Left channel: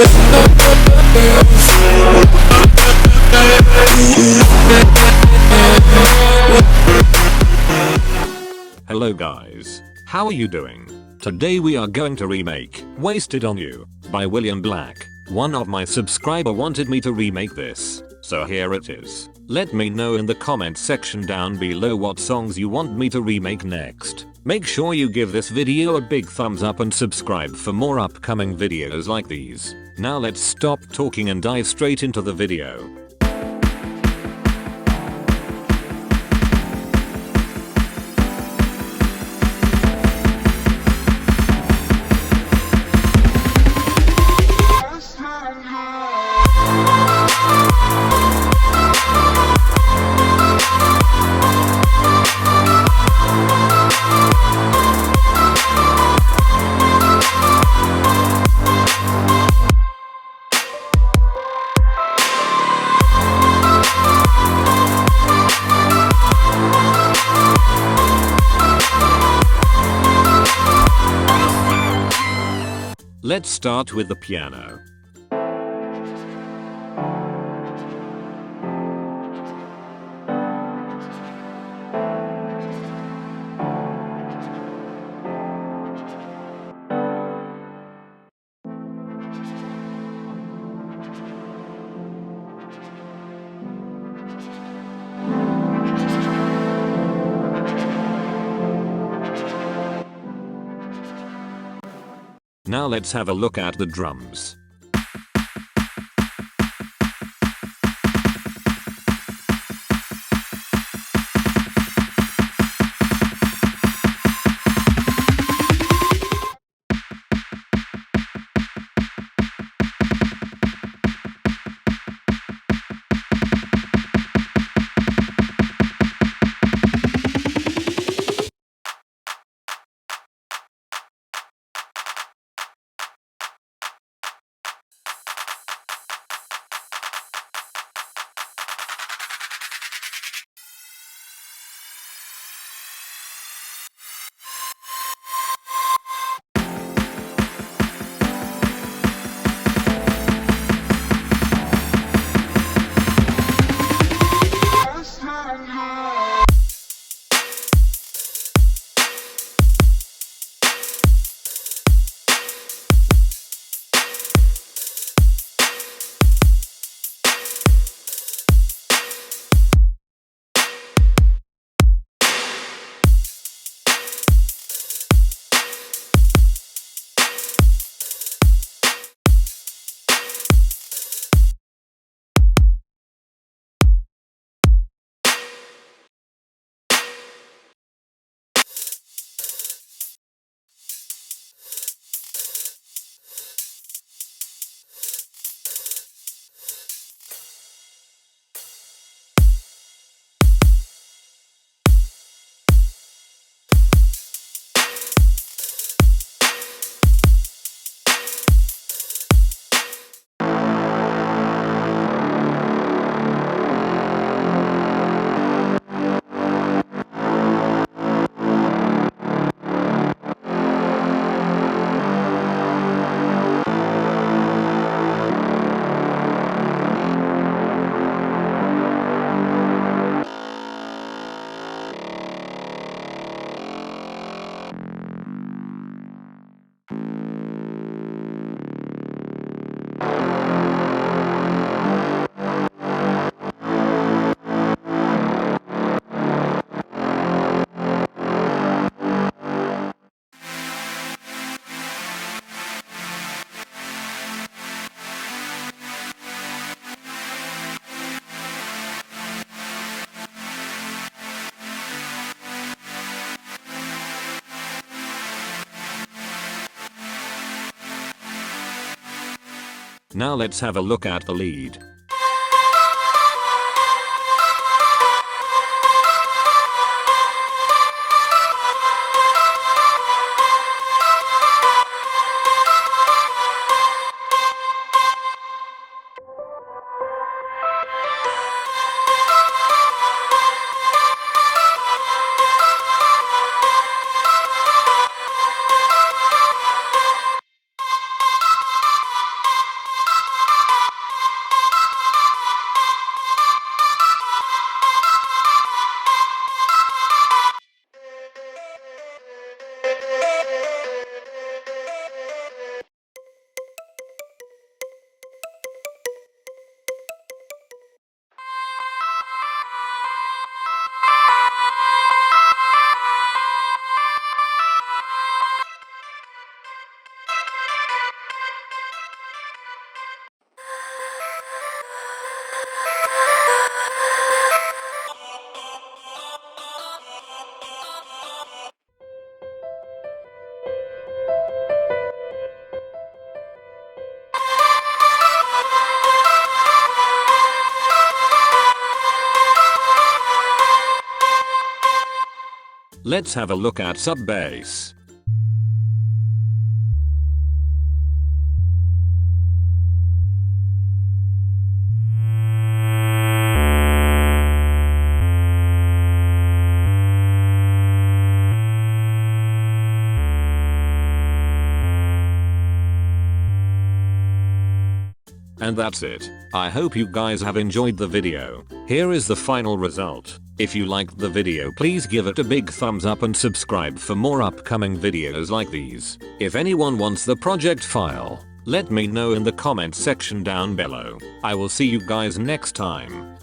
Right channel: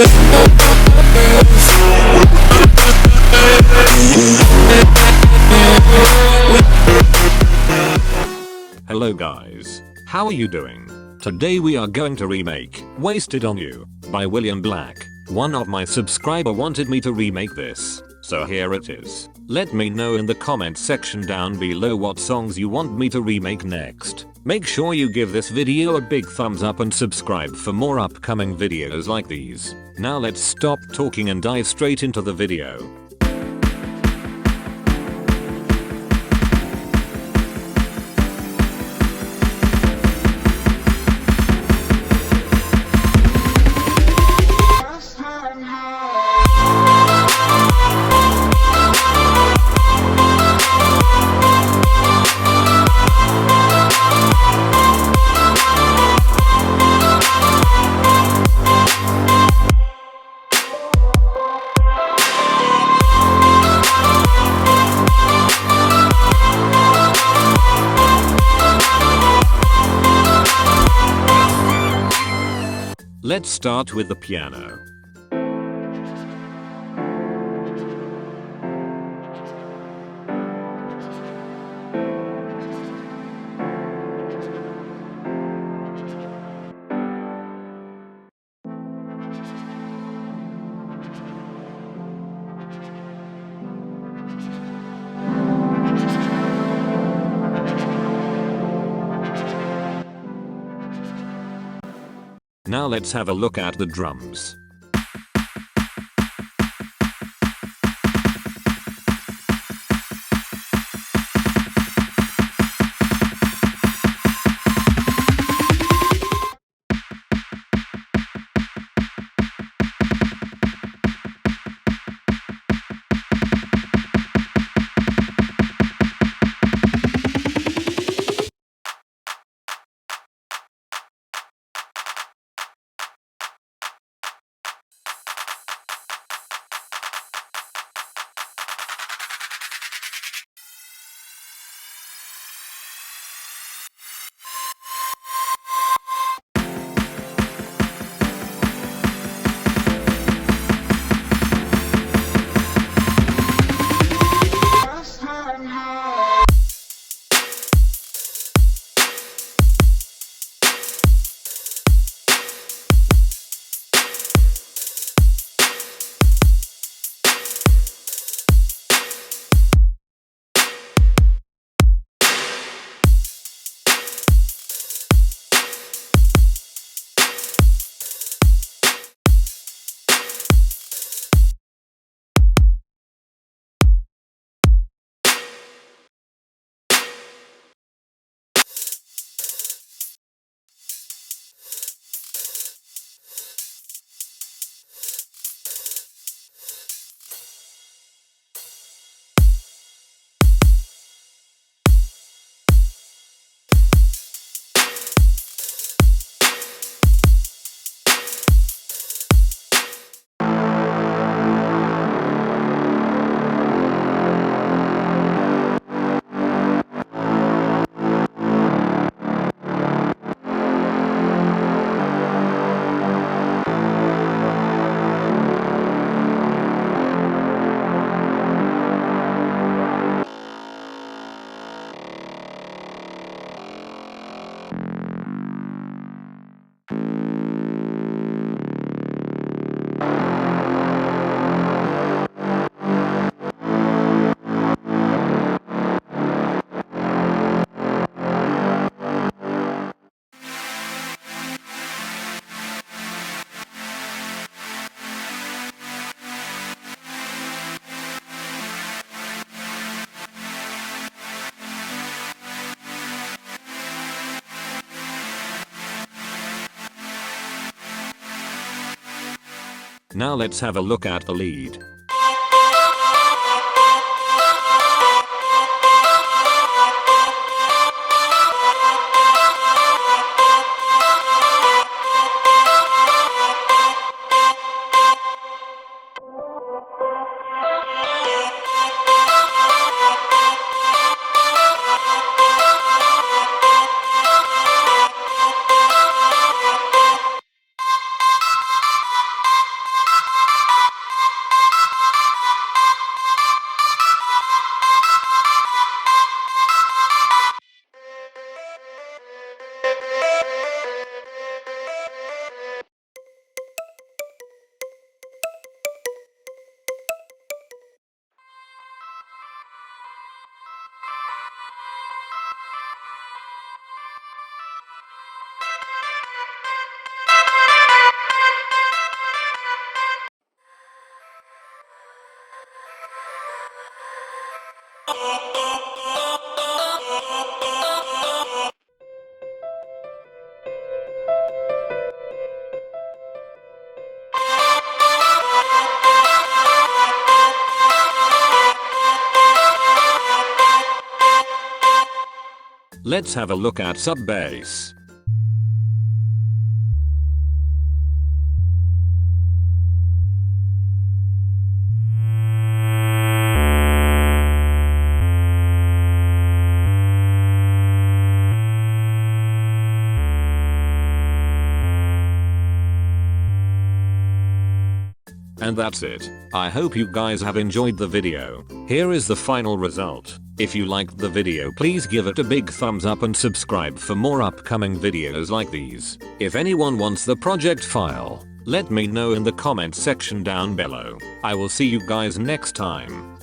Hello guys, how are you doing? Today we are going to remake Wasted on You by William Black. One of my subscriber wanted me to remake this, so here it is. Let me know in the comment section down below what songs you want me to remake next. Make sure you give this video a big thumbs up and subscribe for more upcoming videos like these. Now let's stop talking and dive straight into the video. Let's start with the piano. Now let's have a look at the drums. Now let's have a look at the lead. Let's have a look at sub base. And that's it. I hope you guys have enjoyed the video. Here is the final result. If you liked the video, please give it a big thumbs up and subscribe for more upcoming videos like these. If anyone wants the project file, let me know in the comments section down below. I will see you guys next time.